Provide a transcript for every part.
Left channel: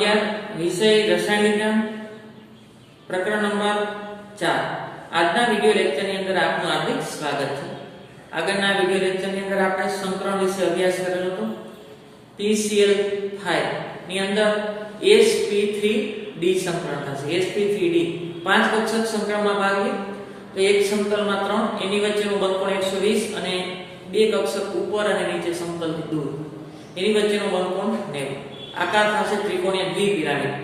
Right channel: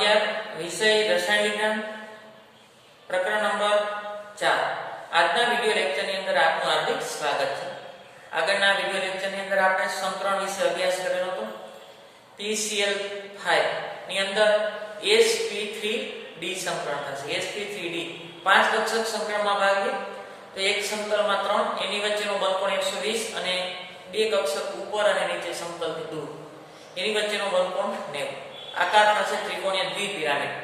11 વિષય રસાયણ વિજ્ઞાન પ્રકરણ નંબર 4 આજના વિડિયો લેક્ચરની અંદર આપનું હાર્દિક સ્વાગત છે। આગળના વિડિયો લેક્ચરની અંદર આપણે સંકરણ વિશે અભ્યાસ કરેલો હતો। PCl5 ની અંદર sp3d સંકરણ થશે। sp3d 5 કક્ષક સંકરણમાં ભાગીએ તો એક સમતલમાં 3 એની વચ્ચેનો બળકોણ 120 અને બે કક્ષક ઉપર અને નીચે સમતલથી દૂર એની વચ્ચેનો બળકોણ 90 આકાર થશે ત્રિકોણીય દ્વિપિરામિડ।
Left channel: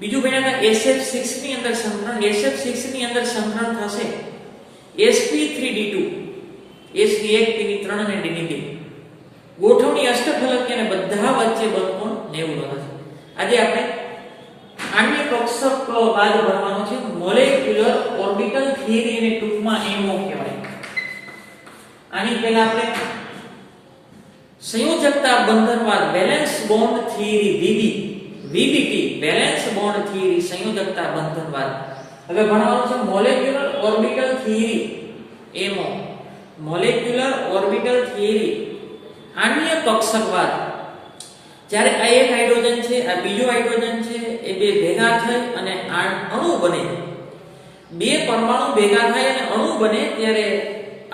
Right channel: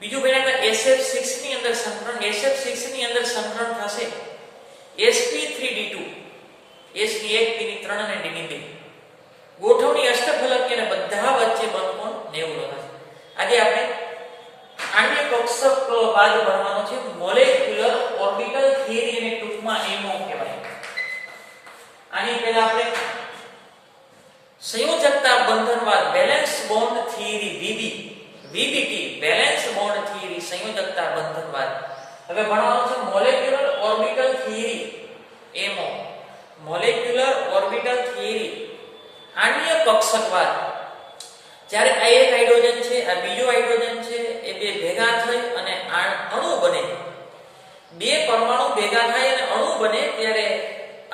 બીજું ભણ્યા હતા SF6 ની અંદર સંકરણ। SF6 ની અંદર સંકરણ થશે sp3d2 s ની 1 p ની 3 અને d ની 2 ગોઠવણી અષ્ટફલકી અને બધા વચ્ચે બળકોણ 90 થશે। આજે આપણે આણ્ય કક્ષક બાદ ભણવાનો છે મોલેક્યુલર ઓર્બિટલ થિયરી અને ટૂંકમાં MO કહેવાય। આની પહેલા આપણે સંયોજકતા બંધનવાદ valence bond theory VBT valence bond theory સંયોજકતા બંધનવાદ હવે ભણવાનું છે molecular orbital theory MO molecular orbital theory આણ્ય કક્ષકવાદ। જ્યારે આ એક હાઇડ્રોજન છે આ બીજો હાઇડ્રોજન છે એ બે ભેગા થઈ અને અણુ બને બે પરમાણુ ભેગા થાય અને અણુ બને ત્યારે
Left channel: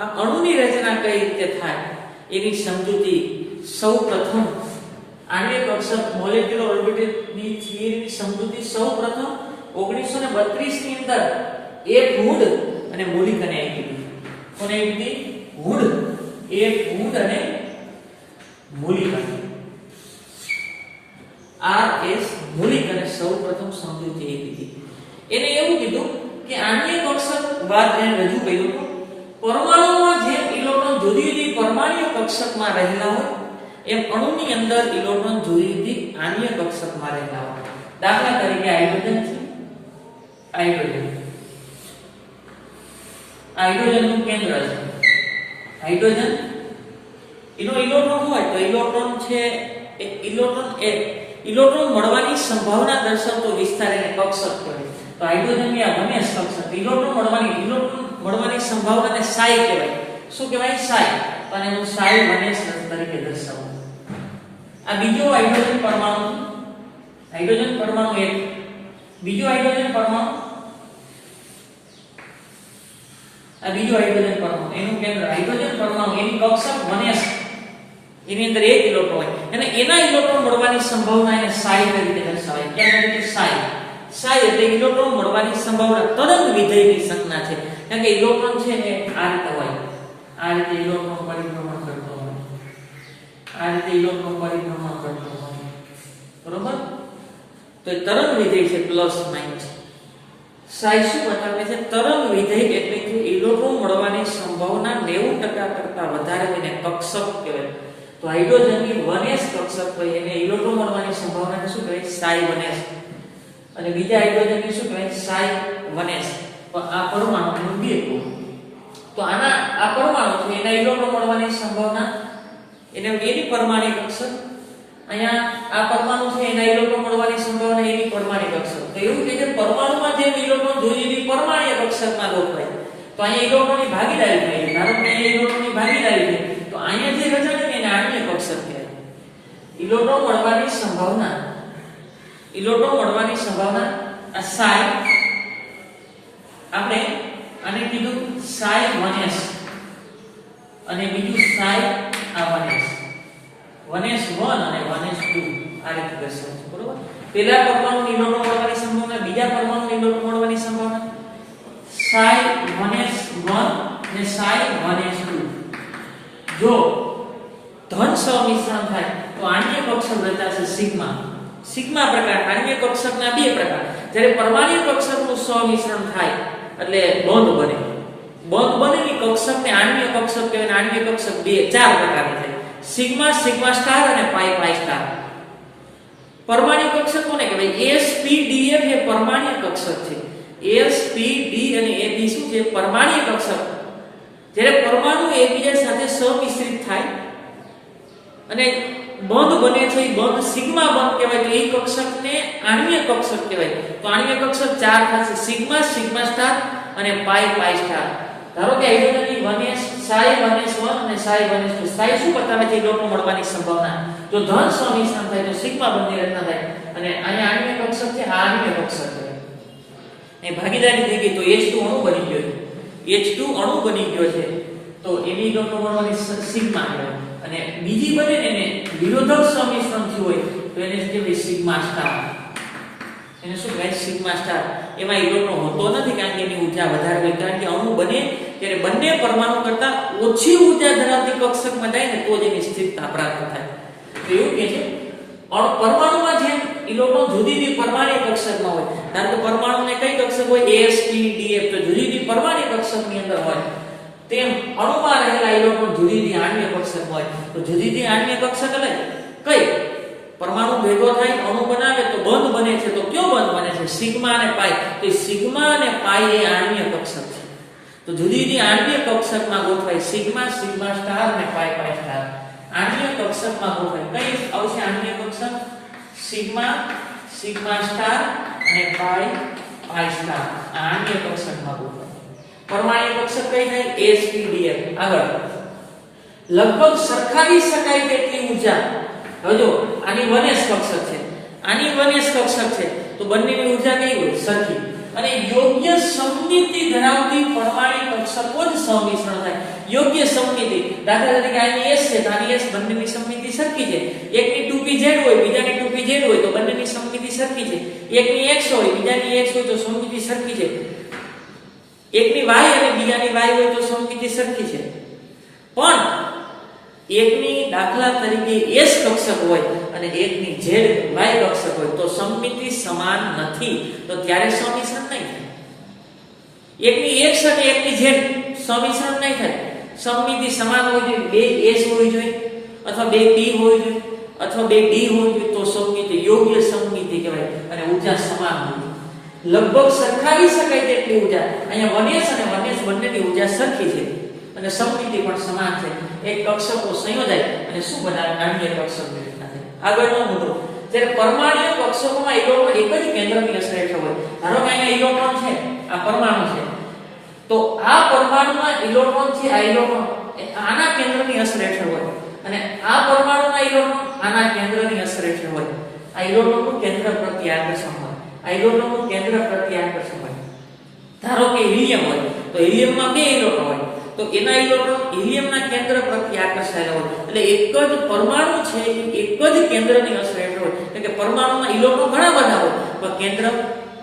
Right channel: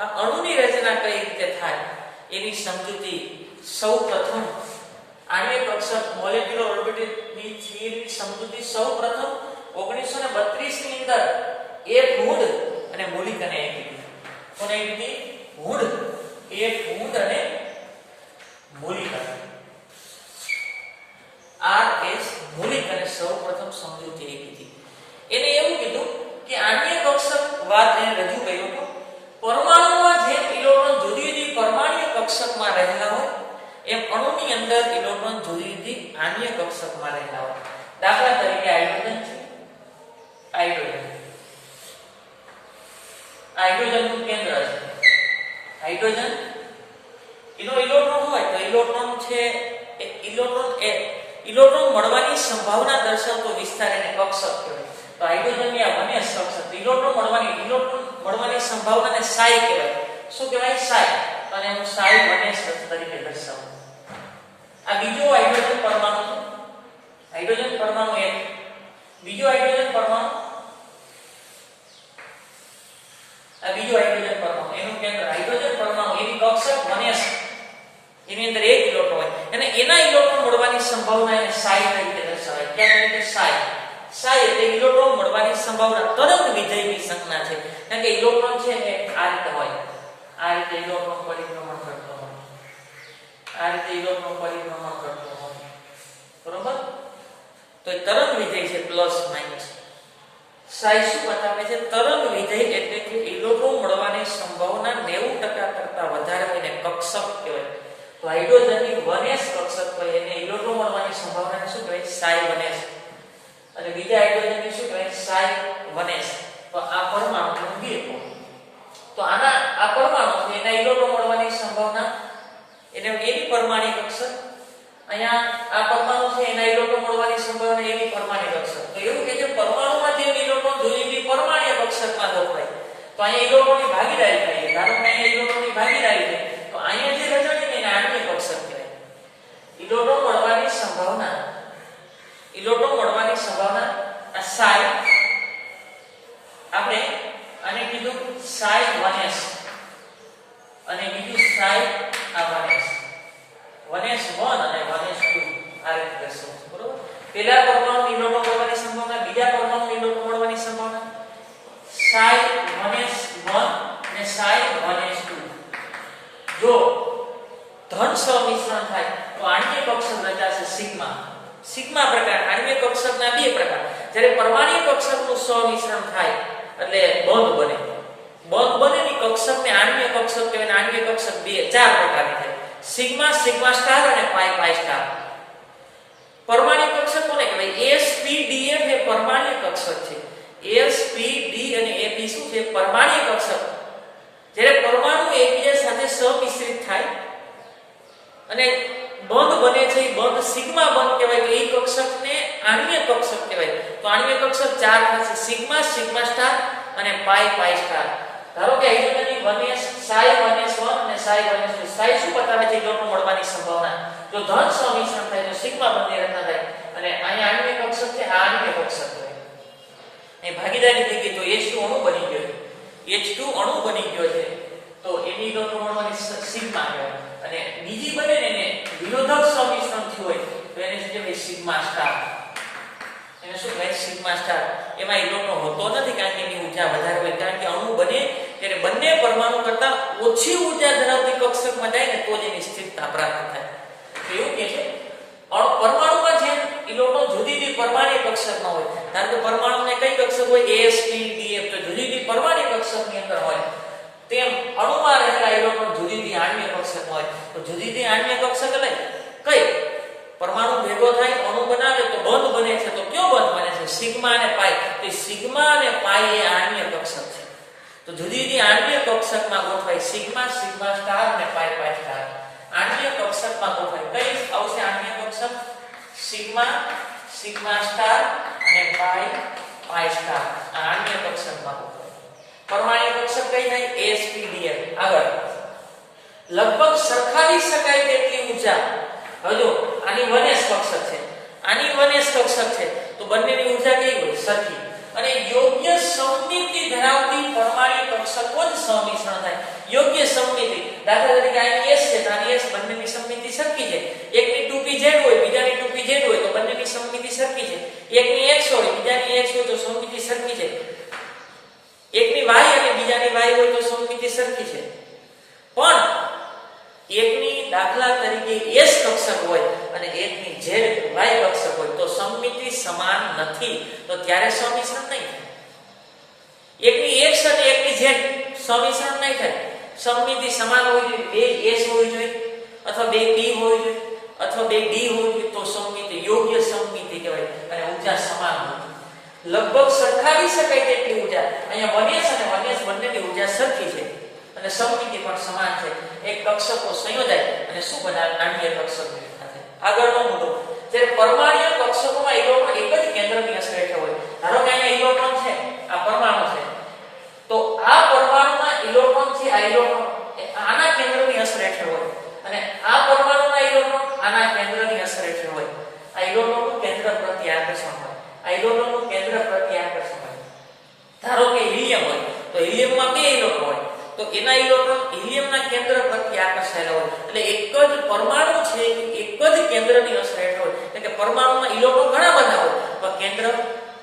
આ અણુની રચના કઈ રીતે થાય એની સમજૂતી સૌપ્રથમ આણ્ય કક્ષક મોલેક્યુલર ઓર્બિટલ ની થિયરીની સમજૂતી સૌપ્રથમ 1932 ની અંદર એક વુડ અને મોલિકને આપી। કોને આપી? વુડ અને મોલિકને RS મોલિકને સૌપ્રથમ સમજૂતી આપી। એને એવું કીધું કે આણ્ય કક્ષકવાદ એને રજૂ કર્યો હતો પરમાણુમાં જેમ ઇલેક્ટ્રોન જુદી જુદી પરમાણ્વીય કક્ષકમાં રહેલા હોય એમ અણુની અંદર ઇલેક્ટ્રોન જુદી જુદી આણ્ય કક્ષકમાં રહેલા હોય। દાખલા તરીકે હાઇડ્રોજન છે હાઇડ્રોજનનું કેન્દ્ર છે હાઇડ્રોજન એનો ઇલેક્ટ્રોન હોય તો ઇલેક્ટ્રોન છે ઇલેક્ટ્રોન મળવાની સંભાવના દર્શાવતો વિસ્તાર એને કક્ષક કહેવાય। તો હાઇડ્રોજનની આ વનેશ કક્ષક ઇલેક્ટ્રોન મળવાની સંભાવનાને સાઈ કહેવાય। શું કહેવાય? સાઈ। અને હું સાઈ વનેશ તરીકે દર્શાવું। આ બીજો હાઇડ્રોજન પરમાણુ હાઇડ્રોજન પરમાણુ એક બીજો હાઇડ્રોજન પરમાણુ આ બીજો હાઇડ્રોજન પરમાણુ એનું કેન્દ્ર હાઇડ્રોજન પરમાણુ એની કક્ષક વનેશ એની અંદર એક ઇલેક્ટ્રોન હોય અને એના ઇલેક્ટ્રોન મળવાની સંભાવના એને સાઈ તરીકે દર્શાવાય। ક્યાં તરીકે? સાઈ। સાઈ એટલે ઇલેક્ટ્રોન મળવાની સંભાવના તરંગ વિધેયની સંજ્ઞા છે। કારણ કે ઇલેક્ટ્રોન છે એ આ રીતે હોય આ રીતે ઇલેક્ટ્રોન પરિભ્રમણ કરતો હોય આ રીતે ઇલેક્ટ્રોન પરિભ્રમણ કરતો હોય બરોબર। તો તરંગ વિધેય છે પ્લસ માઈનસ। સાઈ શું બતાવે છે? તરંગ વિધેય એટલે કે ઇલેક્ટ્રોન મળવાની સંભાવના 90% કરતા વધારે હોય ને કક્ષક કહેવાય। તો હાઇડ્રોજનની વનેશ કક્ષક હોય એને ઇલેક્ટ્રોન મળવાની સંભાવનાને શું કહેવાય? સાઈ વનેશ। અને બીજા હાઇડ્રોજનની શું કહેવાય? સાઈ વનેશ। તો આ પરમાણુનું બે કોણ તો આ પરમાણુ છે એના ઇલેક્ટ્રોન મળવાની સંભાવના એની પરમાણ્વીય કક્ષક અહીંયા આ પરમાણુ છે એના ઇલેક્ટ્રોન મળવાની સંભાવના એની પરમાણ્વીય કક્ષક। તો એવું છે કે પરમાણુમાં જે ઇલેક્ટ્રોન જુદી જુદી પરમાણ્વીય કક્ષકમાં ગોઠવાય તો અહીંયા ઇલેક્ટ્રોનની ભાગીદારી થાય છે। ધારો કે અહીંયા ઇલેક્ટ્રોનની ભાગીદારી છે તો અહીંયા જે રચાય એને આણ્ય કક્ષક કહેવાય। ઇલેક્ટ્રોન મળવાની સંભાવના આ સાઈ આપણે આને કીધું સાઈ વનેશ અને બીજું સાઈ આ વનેશ 1 અને 2 આ રીતે દર્શાવવું બરોબર। પહેલા પરમાણુની ઇલેક્ટ્રોન મળવાની સંભાવના બીજા પરમાણુની ઇલેક્ટ્રોન મળવાની સંભાવના સાઈ વનેશ 1 અને સાઈ વનેશ 2। જો ધન સમિશ્રણ થાય તો આણ્ય કક્ષક રચાશે સિગ્મા પ્રકાર। આણ્ય કક્ષકના બે પ્રકાર જ્યારે પરમાણ્વીય કક્ષકનું સમિશ્રણ થાય એટલે બંધ બને ની કક્ષકને આણ્ય કક્ષક કહેવાય। આણ્ય કક્ષક ચાર પ્રકારની થાય સિગ્મા સ્ટાર અને પાઈ સ્ટાર। પરમાણ્વીય કક્ષક કોને કહેવાય? sp_df એ પરમાણ્વીય કક્ષક છે। sp_d અને ab શું છે? પરમાણ્વીય કક્ષક। જ્યારે પરમાણુ એકબીજા સાથે સમિશ્રિત થાય અને બંધ બને છે એ બંધ સિગ્મા બંધ કહેવાય તો એ કક્ષકને આણ્ય કક્ષક કહેવાય। તો આણ્ય કક્ષક ચાર થશે સિગ્મા સ્ટાર અને પાઈ સ્ટાર। ધારો કે હાઇડ્રોજનની 1s psi 1s1 અને psi 1s2 psi શું બતાવે છે ઇલેક્ટ્રોન મળવાની સંભાવના જો ધન સંમિશ્રણ થાય તો સિગ્મા બંધની રચના થાય અને અહીંયા આણ્વીય કક્ષક છે આ આણ્વીય કક્ષક છે એ ભાગીદારી થઈ ગઈ તો H2 અણુ બની ગયો છે H2 અણુ બની ગયો છે તો એની ઇલેક્ટ્રોન મળવાની સિગ્મા કહેવાય અને બીજી બને ને એને વિરોધક સંમિશ્રણ થયું હોય તો એને શું કહેવાય સિગ્મા સ્ટાર એને શું કહેવાય સિગ્મા સ્ટાર એમાં ઇલેક્ટ્રોન હોતો નથી કારણ કે એની ઊર્જા વધારે હોય કારણ કે અણુ બને ત્યારે બંને પરમાણુ કરતા ઓછી ઊર્જા ધરાવતી કક્ષકમાં જાય ને તો જ એની સ્થિરતા પ્રાપ્ત થાય તો એવું કે છે પરમાણુમાં જેમ ઇલેક્ટ્રોન જુદી જુદી પરમાણ્વીય કક્ષકમાં હોય કારણ કે પરમાણુને કઈ કક્ષક હોય s p d f તો જુદી જુદી પરમાણ્વીય કક્ષકની અંદર હોય તેમ અણુમાં રહેલા ઇલેક્ટ્રોન જુદી જુદી આણ્વીય કક્ષક હોય તો જુદી જુદી આણ્વીય કક્ષક એટલે કઈ પરમાણુ ભેગો થાય અણુ બનાવે તો બંધ બને છે તો કયો બંધ બને છે સિગ્મા અને પાઈ તો સિગ્મા અને પાઈ એ આણ્વીય કક્ષક છે તો જુદી જુદી આણ્વીય કક્ષકમાં ગોઠવાય સિગ્મા સિગ્મા સ્ટાર અને પાઈ પાઈ સ્ટાર આણ્વીય કક્ષકમાં ગોઠવાય કઈ આવશે આણ્વીય કક્ષક સિગ્મા સિગ્મા સ્ટાર અને પાઈ પાઈ સ્ટાર આણ્વીય કક્ષકમાં ગોઠવાય પરમાણ્વીય કક્ષક કઈ થાય sp_df આગળ લગભગ સરખાવી શકાય તેટલી ઊર્જા હવે જો આની 1s કક્ષક છે આની 1s કક્ષક છે તો બંનેની ઊર્જા કેવી હોય સરખી અને યોગ્ય સમમિતિ ધરાવતી પરમાણ્વીય કક્ષકો જ સંમિશ્રણ થાય યોગ્ય સમમિતિ દાખલા તરીકે આની s છે તો આની s બંનેની સમમિતિ સરખી છે એકની 2pz હોય બીજાની 2pz હોય તો બંનેની સમમિતિ સરખી છે એકની x હોય બીજાની x હોય તો સમમિતિ સરખી છે એકની y અને બીજાની y હોય તો સમમિતિ સરખી છે પણ એકની દાખલા તરીકે s કક્ષક હોય અને એકની z y કક્ષક હોય તો સમમિતિ સમાન નથી તો ત્યારે સમિશ્રણ નહીં થાય એકની x અને એકની z સમિશ્રણ નહીં થાય સમમિતિ સમાન હોવી જોઈએ બે s હોવી જોઈએ અથવા બે p હોવી જોઈએ અથવા બે d હોવી જોઈએ તો સમમિતિ યોગ્ય સમમિતિ કહેવાય અને ઊર્જા સમાન હોય લગભગ સરખાવી શકાય તેટલી ઊર્જા અહીંયા 1s અને 1s બંનેની ઊર્જા સરખી છે અને સમમિતિ પણ સમાન છે એક કક્ષકો સંયોજાય અને શું બનાવે આણ્વીય કક્ષક બનાવે આગળનો મુદ્દો જ્યારે પરમાણ્વીય કક્ષકોમાં ઇલેક્ટ્રોન એક જ કેન્દ્રની અસર હેઠળ હોય ધારો કે અહીંયા ઇલેક્ટ્રોન છે આ પરમાણુ છે તો આ પરમાણુના ઇલેક્ટ્રોન છે આ ઇલેક્ટ્રોન આના કેન્દ્રની અસર હેઠળ હોય અને આ પરમાણુના ઇલેક્ટ્રોન આના કેન્દ્રની અસર હેઠળ હોય આ ઇલેક્ટ્રોનનું કેન્દ્ર પ્રત્યે આકર્ષણ હોય આ ઇલેક્ટ્રોનનું કેન્દ્ર પ્રત્યે આકર્ષણ હોય ધારો કે હિલિયમ હોય તો હિલિયમમાં બે ઇલેક્ટ્રોન હોય તો એના ઇલેક્ટ્રોન હિલિયમના કેન્દ્ર પ્રત્યે આકર્ષાયેલા હોય એટલે એક જ પરમાણુ છે એક જ કેન્દ્રની અસર હેઠળ હોય એટલે કે પરમાણુમાં ઇલેક્ટ્રોન ઘણા બધા હોય પણ કેન્દ્ર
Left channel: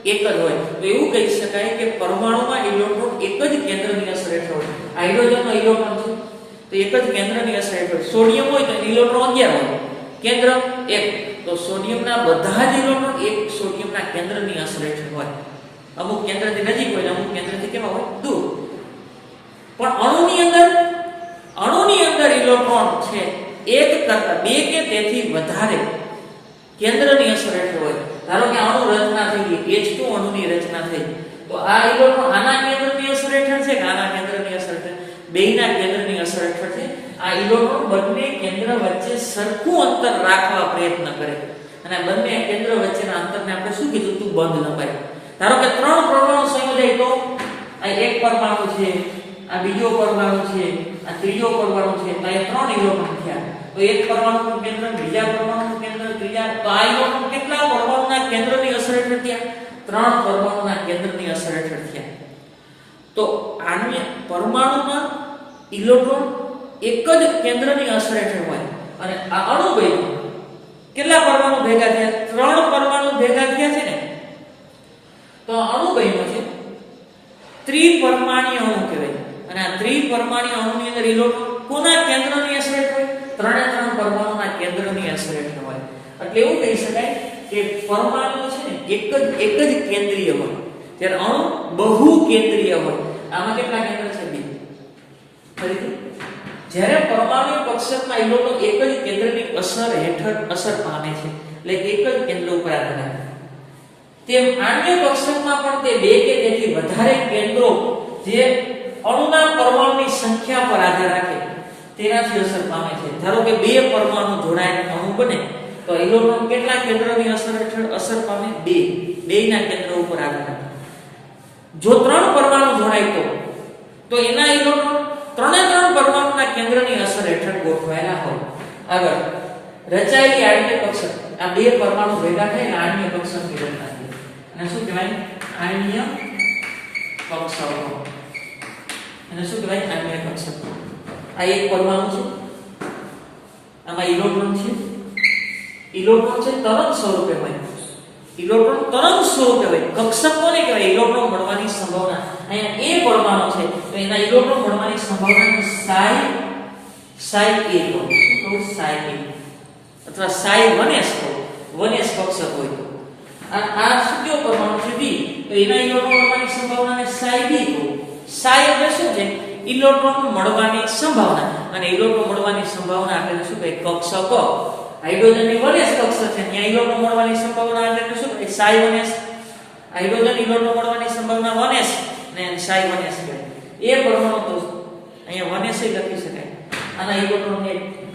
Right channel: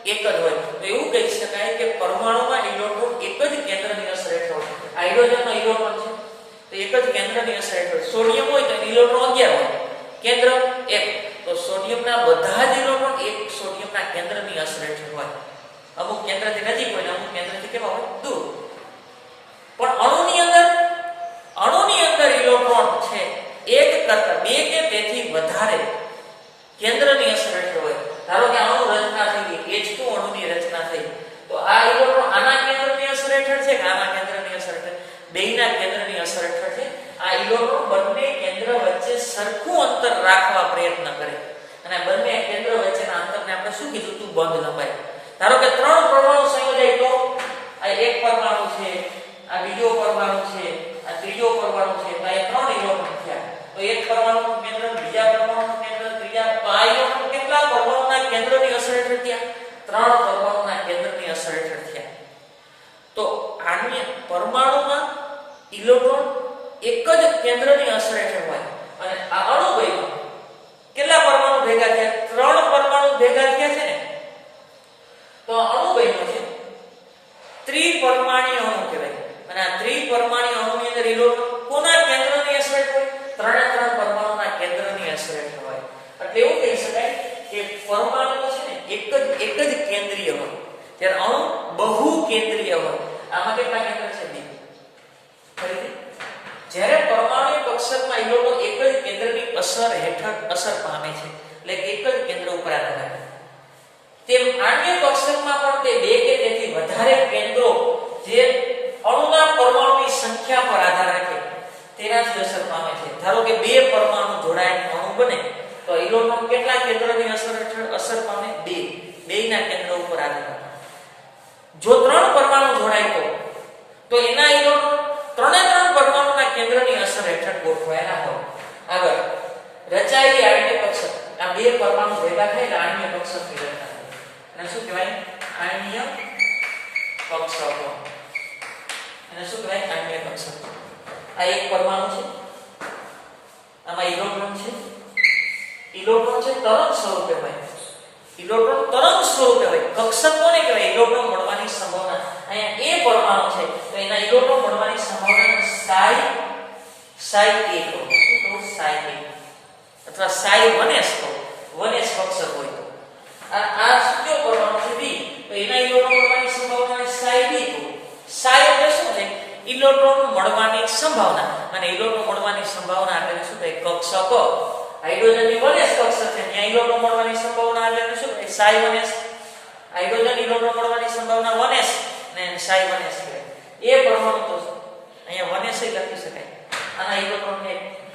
એક જ હોય તો એવું કહી શકાય કે પરમાણુમાં ઇલેક્ટ્રોન એક જ કેન્દ્રની અસર હેઠળ હોય હાઇડ્રોજનનો ઇલેક્ટ્રોન છે તો એક જ કેન્દ્રની અસર હેઠળ સોડિયમ હોય તો એનો ઇલેક્ટ્રોન 11 હોય કેન્દ્ર 1 તો સોડિયમના બધા જ ઇલેક્ટ્રોન એક સોડિયમના કેન્દ્રની અસર હેઠળ હોય અમુક કેન્દ્રથી નજીક હોય અમુક કેન્દ્રથી કેવા હોય દૂર પણ અણુની અંદર ઇલેક્ટ્રોન છે એક કરતા બે કે તેથી વધારે કેન્દ્રની અસર હેઠળ હોય ધારો કે અણુ રચના થઈ ગઈ H2 અણુની રચના થઈ તો આ ઇલેક્ટ્રોન આના કેન્દ્રની અસર હેઠળ છે કે આના કેન્દ્રની અસર હેઠળ બેયના કેન્દ્રની અસર હેઠળ છે આ ઇલેક્ટ્રોન બંને કેન્દ્ર વચ્ચે સરખું અંતર રાખવા પ્રયત્ન કરે અને બંને કેન્દ્ર વચ્ચેના અંતરને આપણે શું કીધું તું બંધ લંબાઈ ધારો કે ત્રણ પરમાણુ સંયોજાય તો આ એક પરમાણુ છે આ બીજો પરમાણુ છે આ ત્રીજો પરમાણુ છે તો આ ત્રણ ઇલેક્ટ્રોન થયા તો એક પરમાણુનું કેન્દ્ર બીજા પરમાણુનું કેન્દ્ર ત્રીજા તો આ ઇલેક્ટ્રોન કેટલા પરમાણુના કેન્દ્રની અસર હેઠળ થયા ત્રણ પરમાણુના કેન્દ્રની અસર હેઠળ થયા તો આણ્વીય પરમાણુમાં ઇલેક્ટ્રોન એક જ કેન્દ્રની અસર હેઠળ હોય અને આ અણુ બન્યો કેટલા પરમાણુ ભેગા થયા ત્રણ પરમાણુ ભેગા થયા છે ને તો અણુ બન્યો છે ત્રિપરમાણ્વીય અણુ કહેવાય અને આ ત્રિપરમાણ્વીય અણુની અંદર ઇલેક્ટ્રોન કોના કેન્દ્રની અસર હેઠળ હોય ત્રણે ત્રણ પરમાણુના કેન્દ્રની અસર હેઠળ હોય એટલે એવું કહી શકાય કે પરમાણુ છે ને એક જ કેન્દ્રીય હોય જ્યારે અણુ બહુ કેન્દ્રીય હોય આમાં કેટલા કેન્દ્ર છે બે ફરીથી જ્યારે પરમાણુ કક્ષકમાં ઇલેક્ટ્રોન એક જ કેન્દ્રની અસર હેઠળ અસર પામે છે એટલે એક જ કેન્દ્ર ઉપર આધાર રાખે તેમ આણ્વીય કક્ષકમાં પણ તે બે કે તેથી વધારે કેન્દ્રો જે અણુના પરમાણુની સંખ્યા પર આધાર રાખે તેનાથી અસર પામે છે ધારો કે બે પરમાણુ જોડાઈને અણુ બને તો ઇલેક્ટ્રોન કેટલા કેન્દ્રની અસર હેઠળ અસર પામે બેયના કેન્દ્ર ઉપર આધાર રાખે જો ત્રણ પરમાણુ જોડાય તો તો એના ઇલેક્ટ્રોન ત્રણે ત્રણ પરમાણુના કેન્દ્રની અસર હેઠળ ગોઠવાયેલા હોય. આગળ રચાયેલી આણ્વીય કક્ષક, આ બે પરમાણુ ભેગા થાય એટલે આણ્વીય કક્ષકની રચના થાય. અને શું કહેવાય? આણ્વીય કક્ષકો. અને શું કહેવાય? આણ્વીય કક્ષક. આ એક પરમાણુ છે, આમાં ઇલેક્ટ્રોન છે. ઇલેક્ટ્રોન છે તરંગ સ્વરૂપે હોય. ઇલેક્ટ્રોન તરંગ સ્વરૂપે હોય. કક્ષક કોને કહેવાય? ઇલેક્ટ્રોન મળવાની સંભાવના. અહીંયા એ પરમાણુ છે તો એના ઇલેક્ટ્રોન મળવાની સંભાવના psi a કહો. તો psi a અથવા psi 1s કહો. 1s કક્ષક હોય તો આ શું કયો પરમાણુ છે? b. તો એના ઇલેક્ટ્રોન મળવાની સંભાવનાને psi b કહો. psi એટલે શું છે? ઇલેક્ટ્રોન મળવાની સંભાવના. અને ઇલેક્ટ્રોન મળવાની સંભાવના એટલે શું કહે? કક્ષકો. હાઇડ્રોજનની 1s કક્ષક છે, ત્યાં ઇલેક્ટ્રોન મળવાની સંભાવના એટલે શું કહે? psi 1s. હાઇડ્રોજન ઇલેક્ટ્રોન મળવાની સંભાવના 1s ને psi 1s કહેવાય. એ પરમાણુ તો અહીંયા 1s લખી શકાય. આના ઇલેક્ટ્રોન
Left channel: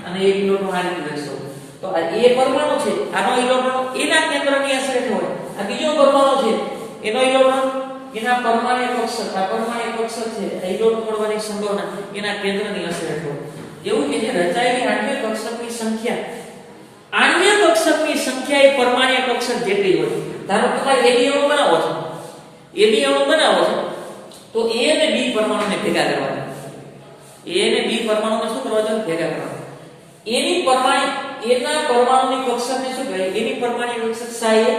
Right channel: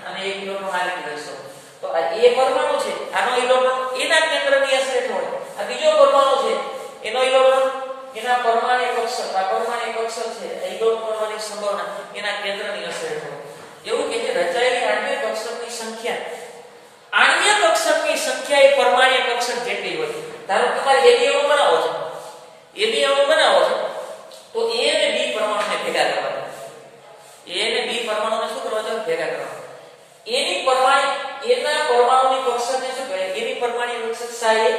અને એક ઇલેક્ટ્રોન આ રીતે લખશો તો આ એ પરમાણુ છે, આનો ઇલેક્ટ્રોન એના કેન્દ્રની અસર હેઠળ હોય. આ બીજો પરમાણુ છે, એનો ઇલેક્ટ્રોન એના પરમાણ્વીય કક્ષક, આ પરમાણ્વીય કક્ષક છે, ઇલેક્ટ્રોન મળવાની સંભાવના એના કેન્દ્રની અસર હેઠળ હોય. એવું કે છે રચાયેલી આણ્વીય કક્ષકની સંખ્યા, આણ્વીય કક્ષકની સંખ્યા એ પરમાણ્વીય કક્ષક જેટલી હોય. ધારો કે તમારે AB અણુ બનાવો છે, AB અણુ બનાવો છે તો A અને B પરમાણુને ભેગા કરવાના. A અને B પરમાણુને શું કરવા છે? ભેગા કરવાના. એના પરમાણુની કક્ષકને શું કહેવાય? એની પરમાણ્વીય કક્ષક psi a.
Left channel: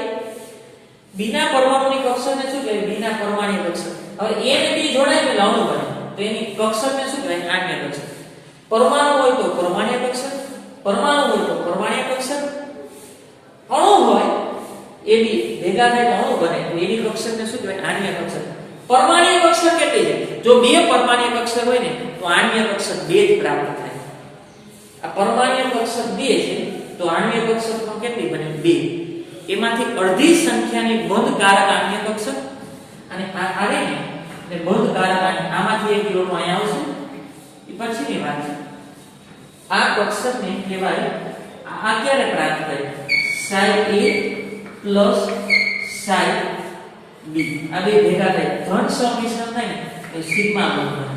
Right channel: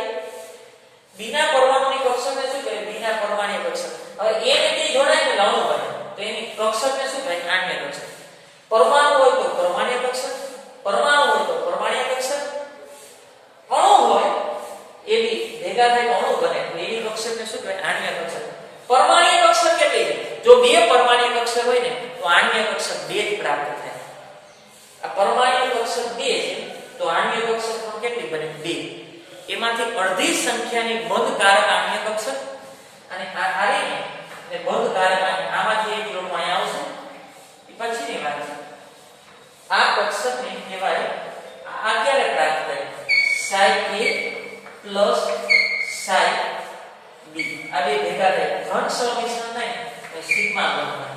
B ના પરમાણુની કક્ષકને શું કહેવાય? B ના પરમાણ્વીય કક્ષક. હવે A અને B જોડાય એટલે અણુ બને તો એની કક્ષકને શું કહેવાય? આણ્વીય કક્ષક. પરમાણુ હોય તો પરમાણ્વીય કક્ષક, પરમાણુ હોય તો પરમાણ્વીય કક્ષક, અણુ હોય AB ભેગા થાય તો અણુ બને તો એની કક્ષકને શું કહેવાય? આણ્વીય કક્ષક. પરમાણ્વીય કક્ષક કેટલી છે? જો બે પરમાણ્વીય કક્ષક હોય ને તો આણ્વીય કક્ષક 2 જ પ્રાપ્ત થાય. આ પરમાણ્વીય કક્ષક 2 છે તો આણ્વીય કક્ષક પણ કેટલી બને? 2. એમાંથી અડધી સંખ્યાની બંધ કારક આણ્વીય કક્ષક અને આ રે ને બંધ કારક આમાંથી એક ઇલેક્ટ્રોન અહીંયા આવશે. એ પછીની વાત છે. આ કક્ષકને કહેવાય આ ક્યારે પ્રાપ્ત થાય? psi a plus psi b. આ બે ભેગા થાય ધન સમિશ્રણ થાય ને તો સિગ્મા બંધ બને.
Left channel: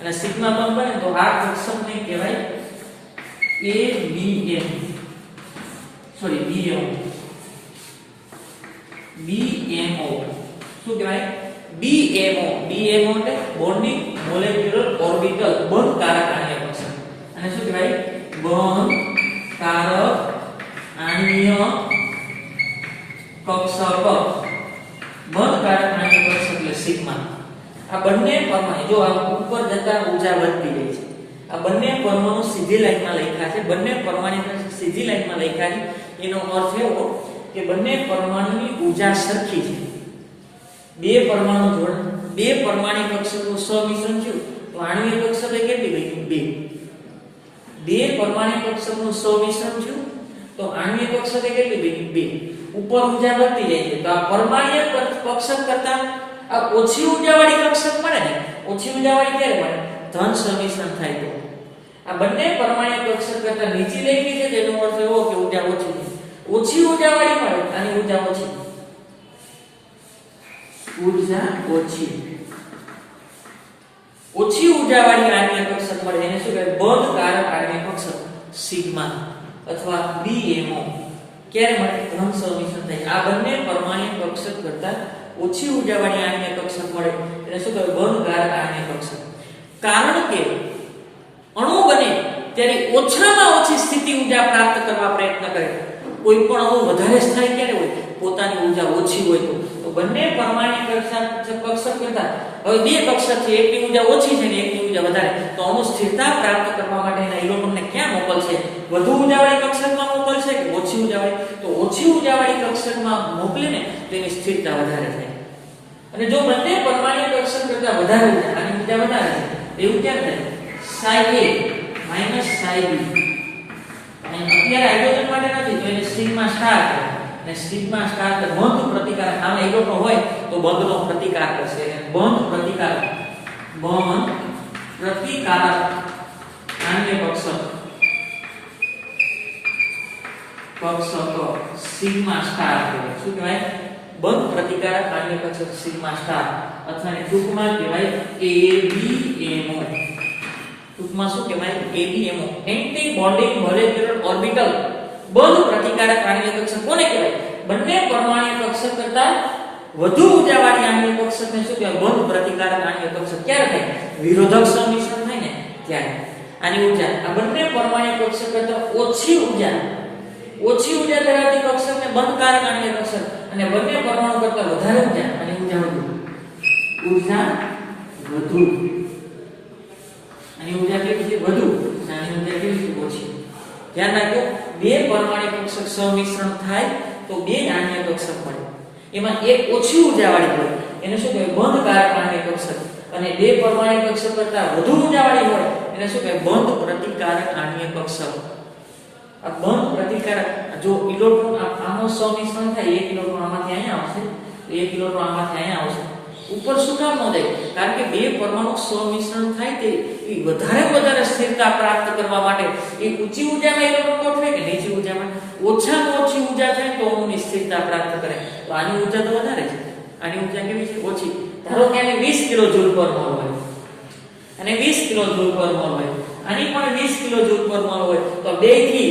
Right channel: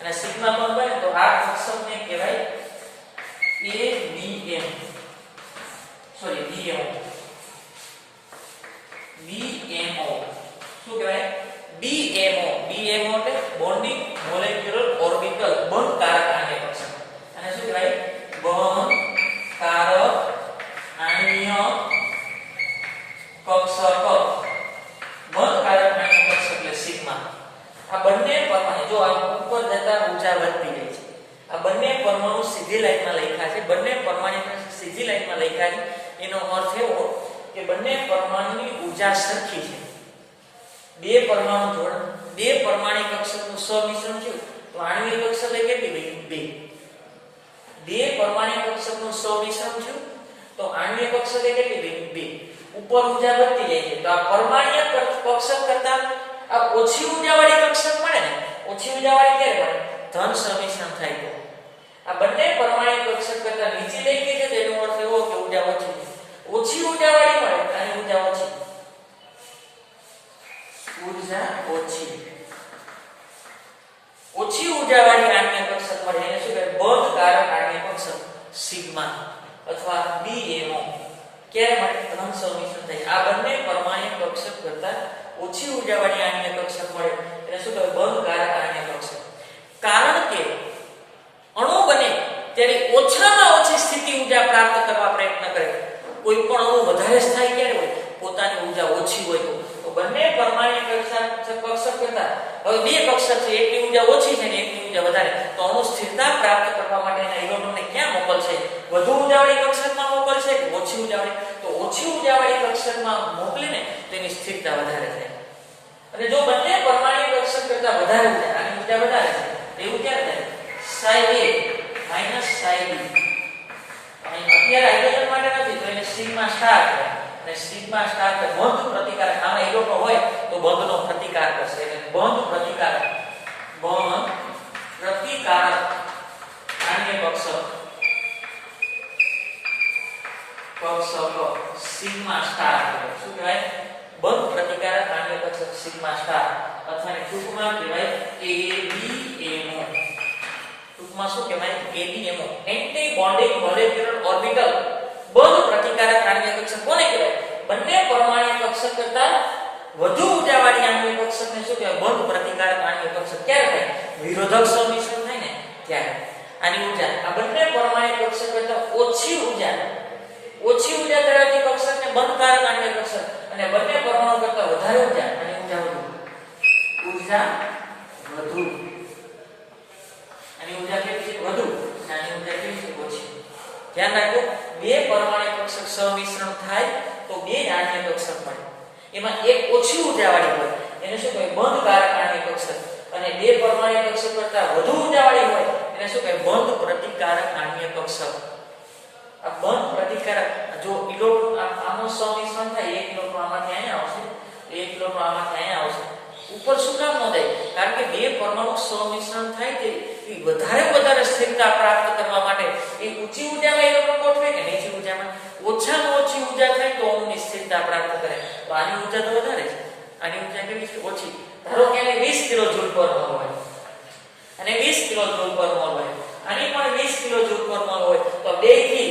અને સિગ્મા બંધ બને તો આ કક્ષકને કહેવાય ABM. Sorry BMO. BMO શું કહેવાય? BMO. BMO એટલે બોન્ડિંગ મોલેક્યુલર ઓર્બિટલ બંધ કારક આણ્વીય કક્ષક. અને શું કહેવાય? બંધ કારક આણ્વીય કક્ષક. બંધ કારક આણ્વીય કક્ષક એટલે સિગ્મા. આ બંને પરમાણુ જો આ ઉપર જતા ઊર્જા વધતી જાય છે. આ બંને પરમાણુ સીધી લાઈનમાં લખ્યા છે. બંને પરમાણુ સીધી લાઈનમાં લખ્યા છે એનો અર્થ એવો કે બંને પરમાણુની ઊર્જા સરખી છે. બે પરમાણુ બે પરમાણુ કક્ષકનું સમિશ્રણ થયું તો આણ્વીય કક્ષક કેટલી બની? 2. બે પરમાણુ કક્ષકનું સમિશ્રણ થયું તો આણ્વીય કક્ષક કેટલી બની? 2. ઉપર ઊર્જા વધતી જાય છે તો આ પરમાણ્વીય કક્ષક કરતા આ ઓછી ઊર્જાવાળી કક્ષક મળે ને. ઓછી ઊર્જાવાળી ક્યારે મળે? ધન સમિશ્રણ થાય તો. આ બંને પરમાણ્વીય કક્ષક કરતા નીચી લખી છે તેનો અર્થ એવો કે ઊર્જા ઓછી છે. ઓછી ઊર્જાવાળી મળે અને ઊર્જા ઓછી. ઊર્જા ઓછી. ઓછી ઊર્જાવાળી આણ્વીય કક્ષક મળે એને શું કહેવાય? બંધ કારક આણ્વીય કક્ષક સિગ્મા અથવા BMO. ક્યારે મળે? ધન સમિશ્રણ થાય. આ બંને પરમાણ્વીય કક્ષક કરતા ઓછી ઊર્જાવાળી આણ્વીય કક્ષક મળે એને શું કહેવાય? બંધ કારક આણ્વીય કક્ષક. કારણ કે અણુ બને ત્યારે ઓછામાં ઓછી સ્થિતિ ઊર્જા પ્રાપ્ત કરવા પ્રયત્ન કરે. કોઈ પણ અણુ વધારે સ્થાયી ક્યારે હોય? પોતાની ઊર્જા ઓછી હોય તો બંને પરમાણ્વીય કક્ષક કરતા હવે બે કક્ષક છે, એકની ઊર્જા ઓછી છે ને એકની ઊર્જા વધારે, તો અણુ સ્થિરતા પ્રાપ્ત કરવા માટે એના ઇલેક્ટ્રોનને ક્યાં મોકલશે? વધુ ઊર્જાવાળી કક્ષકમાં મોકલશે કે ઓછી ઊર્જાવાળી? તો ઓછી ઊર્જાવાળી કક્ષકમાં મોકલીને તો એની સ્થિરતા વધારે થાય. અને જો બંને પરમાણ્વીય કક્ષક કરતા વધારે ઊર્જા, આની ઊર્જા વધારે છે, એવું ક્યારે થાય? psi a minus psi b. અત્યારે હાઇડ્રોજન માટે નથી તો એને સિગ્મા સ્ટાર કહેવાય. અને સિગ્મા સ્ટાર એટલે બંધ પ્રતિકાર. આમાં ઇલેક્ટ્રોન હોય તો બંધનો પ્રતિકાર કરશે. એટલે બંધ પ્રતિકાર આણ્વીય કક્ષક સિગ્મા સ્ટાર કહેવાય. શું કહેવાય? બંધ પ્રતિકારક આણ્ય કક્ષક સિગ્મા સ્ટાર અથવા ટૂંકમાં કહેવાય ABMO. ટૂંકમાં શું કહેવાય? ABMO, anti bonding molecular orbital. બંધ પ્રતિકારક આણ્ય કક્ષક કોને કહેવાય? બંને પરમાણ્વીય કક્ષક કરતા વધુ ઊર્જાવાળી આણ્ય કક્ષકને શું કહેવાય? બંધ પ્રતિકારક આણ્ય કક્ષક. ક્યારે થાય? વિરોધક સંમિશ્રણ થાય ને ત્યારે. આની ઊર્જા આ બંને પરમાણ્વીય કક્ષક કરતા ઓછી ઊર્જા ધરાવતી કક્ષકને બંધકારક આણ્ય કક્ષક અને બંને પરમાણુ કરતા વધારે ઊર્જા અને ઊર્જા વધુ. આની ઊર્જા કેવી છે? વધુ. આની ઊર્જા કેવી છે? ઓછી. ધ્યાન રાખજો, બે પરમાણ્વીય કક્ષક સમિશ્રણ થાય તો બે આણ્ય કક્ષક મળે. એમાં એક ઓછી ઊર્જાવાળી હોય એને શું કહેવાય? બંધકારક આણ્ય કક્ષક, અને બે પરમાણ્વીય કક્ષક કરતા વધુ ઊર્જાવાળી હોય એને શું કહેવાય? બંધ પ્રતિકારક આણ્ય કક્ષક. આ બંધ પ્રતિકારક, જો ઇલેક્ટ્રોન આનો સમિશ્રણ થાય, એક ઇલેક્ટ્રોન આમાંથી અહીંયા આવશે, એક ઇલેક્ટ્રોન આમાંથી અહીંયા આવશે, ઉપર શું કામ ન થાય? કારણ કે બે પરમાણુ સમિશ્રણ થાય તે વધારે સ્થિરતા પ્રાપ્ત કરવા માટે એ ઊંચી ઊર્જામાં ઇલેક્ટ્રોન ગોઠવે કે નીચી ઊર્જામાં? ઓછામાં ઓછી ઊર્જા થાય તો અણુની સ્થિરતા પ્રાપ્ત કરે. તો આની ઊર્જા તો વધારે છે, આની ઊર્જા કેવી છે? ઓછી. ધારો કે આની 20 કિલો જૂલ પર મોલ હોય અને 20 કિલો જૂલ પર મોલ હોય, આની પણ 20 કિલો જૂલ પર મોલ હોય, તો બે થી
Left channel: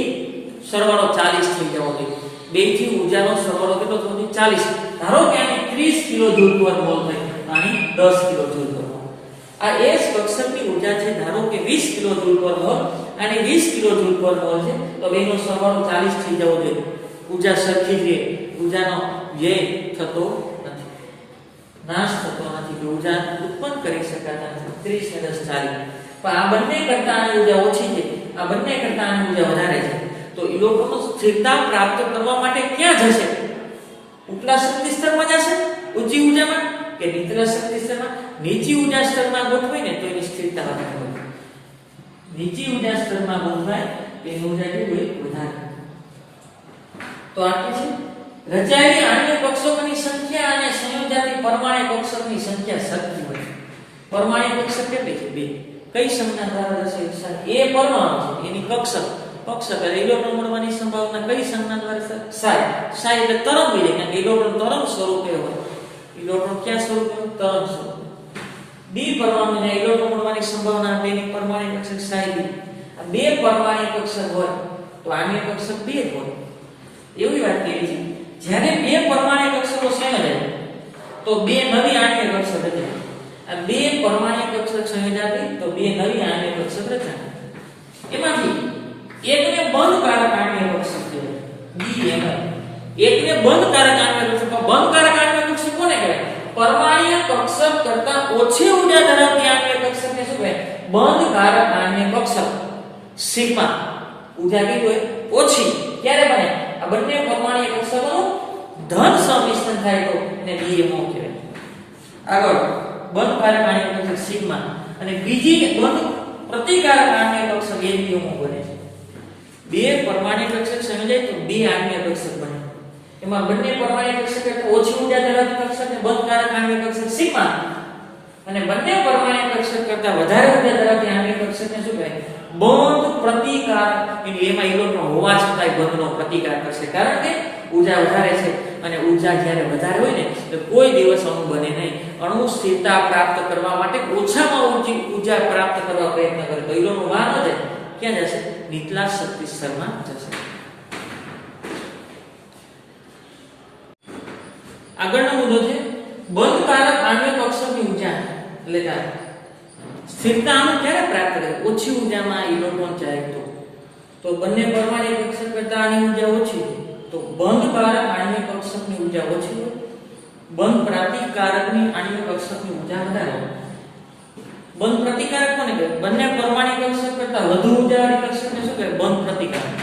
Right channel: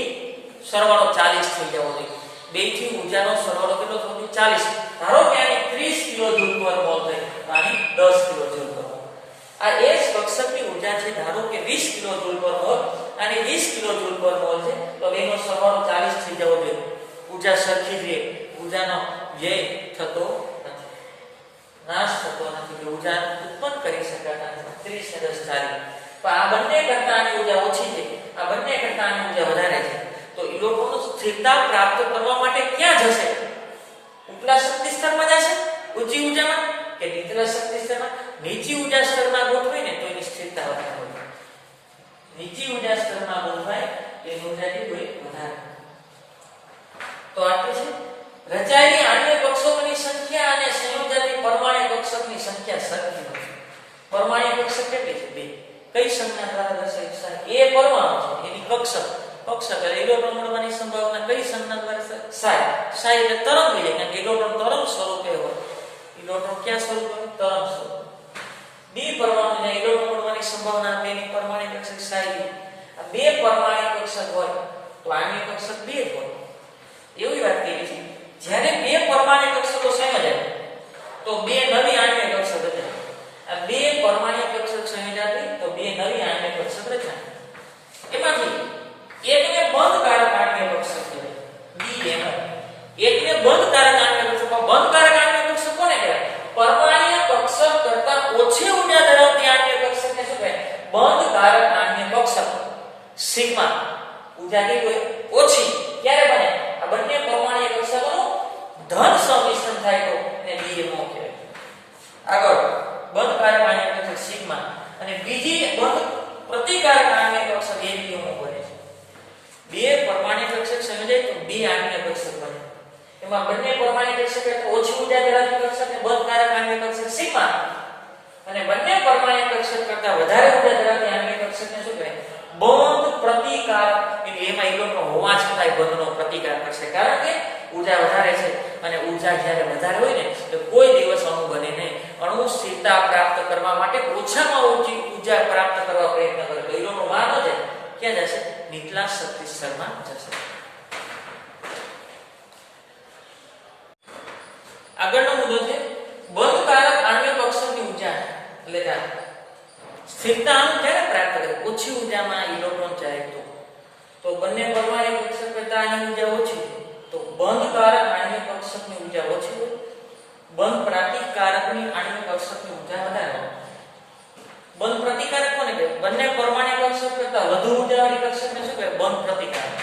સરવાળો 40 થઈ જવો જોઈએ. બે થી ઊર્જાનો સરવાળો કેટલો થવો જોઈએ? 40. ધારો કે આની 30 કિલો જૂલ પર મોલ થઈ, તો આની 10 કિલો જૂલ પર મોલ. આ એ જ કક્ષકની ઊર્જા છે. ધારો કે 20 કિલો જૂલ પર મોલ અને 20 કિલો જૂલ પર મોલ છે, તો બેનો સરવાળો 40 થઈ જવો જોઈએ. ઊર્જા સરખી જ રહે, ઊર્જાનો વ્યય થતો નથી, નાશ થતો નથી, કે ઊર્જા ઉત્પન્ન કરી શકાતા નથી. 30 ને 10 40. પણ આ બંને કરતા આની ઊર્જા ઓછી છે, આ બંને કરતા આની ઊર્જા વધારે છે. તો ઇલેક્ટ્રોન સ્થિરતા પ્રાપ્ત કરવા માટે ક્યાં જશે? ઉપલા શક્તિ સ્તરમાં જશે ઊંચી ઊર્જામાં, કે નીચલા શક્તિ સ્તરમાં? નીચી ઊર્જા સ્તરમાં ગોઠવાય ને તો એની સ્થિરતા વધારે હોય. નીચી ઊર્જા સ્તરમાં ગોઠવાય તો એની ઊર્જા કેવી હોય? વધારે. તો આટલું છે. રચાયેલી આણ્ય કક્ષકોની સંખ્યા અને સંયોજાતી પરમાણ્વીય કક્ષકની સંખ્યા સરખી હોય. પરમાણ્વીય કક્ષક કેટલી છે? 2. કઈ સંજ્ઞા દ્વારા દર્શાવાય? એ પરમાણુ છે, એની કક્ષક એટલે ઇલેક્ટ્રોન મળવાની સંભાવના કઈ સંજ્ઞા દ્વારા? psi એટલે તરંગ વિધેય. કારણ કે ઇલેક્ટ્રોન તરંગ સ્વરૂપે હોય. ઇલેક્ટ્રોન ક્યાં સ્વરૂપે હોય? તરંગ સ્વરૂપે. ડી પરમાણુને ઇલેક્ટ્રોન મળવાની સંભાવના તેની પરમાણ્વીય કક્ષક psi d. આ બે પરમાણ્વીય કક્ષક હોય તો આણ્ય કક્ષક 2 જ હોય. એવી વાત કરી છે, જ્યારે બે પરમાણ્વીય કક્ષકો સંયોજાય તો બે નવી આણ્ય કક્ષક રચાય. આ બે પરમાણ્વીય કક્ષક સંયોજાતી તો બે નવી આણ્ય કક્ષક રચાય. એમાંથી એકને બંધકારક આણ્ય કક્ષક કહેવાય, BMO. એકને બંધકારક આણ્ય કક્ષક. બંધકારક આણ્ય કક્ષક કોને કહેવાય? પરમાણ્વીય કક્ષક કરતા ઓછી ઊર્જા ધરાવતી આણ્ય કક્ષકને શું કહેવાય? બંધકારક આણ્ય કક્ષક. સિગ્મા ઊર્જા કેવી હોય? ઓછી. ક્યારે બને? આ બંને પરમાણ્વીય કક્ષકોનું ધન સંમિશ્રણ થાય તો એને BMO કહેવાય. આગળ બંધકારક આણ્ય કક્ષક સિગ્મા અને બીજી બંધ પ્રતિકારક આણ્ય કક્ષક ABMO બને છે. બે પરમાણ્વીય કક્ષક સંયોજાય તો બે આણ્ય કક્ષક બને. એમાં બંને પરમાણ્વીય કક્ષક કરતા ઓછી ઊર્જા ધરાવતી કક્ષકને બંધકારક આણ્ય કક્ષક સિગ્મા અને બંને પરમાણ્વીય કક્ષક કરતા વધારે ઊર્જા ધરાવતી આણ્ય કક્ષકને શું કહેવાય? બંધ પ્રતિકારક. એમાં ઇલેક્ટ્રોન હોવા છતાંય બંધનો પ્રતિકાર કરશે, કારણ કે ઊર્જા વધારે છે અને ઊર્જા જ્યારે વધારે હોય ને તો કોઈ દિવસ અણુ બને નહીં. અણુ સ્થિરતા પ્રાપ્ત કરવા માટે ઓછામાં ઓછી ઊર્જા પ્રાપ્ત કરવા પ્રયત્ન કરે તો ઇલેક્ટ્રોન બહાર ન જાય. ક્યાં જશે? નીચલા શક્તિ સ્તરમાં જશે. આગળનો મુદ્દો છે બંધકારક આણ્ય કક્ષકની ઊર્જા. એટલે સ્થિરતા અણુ ક્યારે પ્રાપ્ત કરે? ઓછી ઊર્જામાં ઇલેક્ટ્રોન જાય તો બંને પરમાણ્વીય કક્ષક કરતા આની ઊર્જા ઓછી છે તો બંધકારક આણ્ય કક્ષકની ઊર્જા ઓછી હોય. બંધ પ્રતિકારકની આણ્ય કક્ષકની ઊર્જા વધારે હોય. બંધ પ્રતિકારક કોને કહેવાય? બંને પરમાણ્વીય કક્ષક કરતા વધુ ઊર્જાવાળી કક્ષકને શું કહેવાય? બંધ પ્રતિકારક.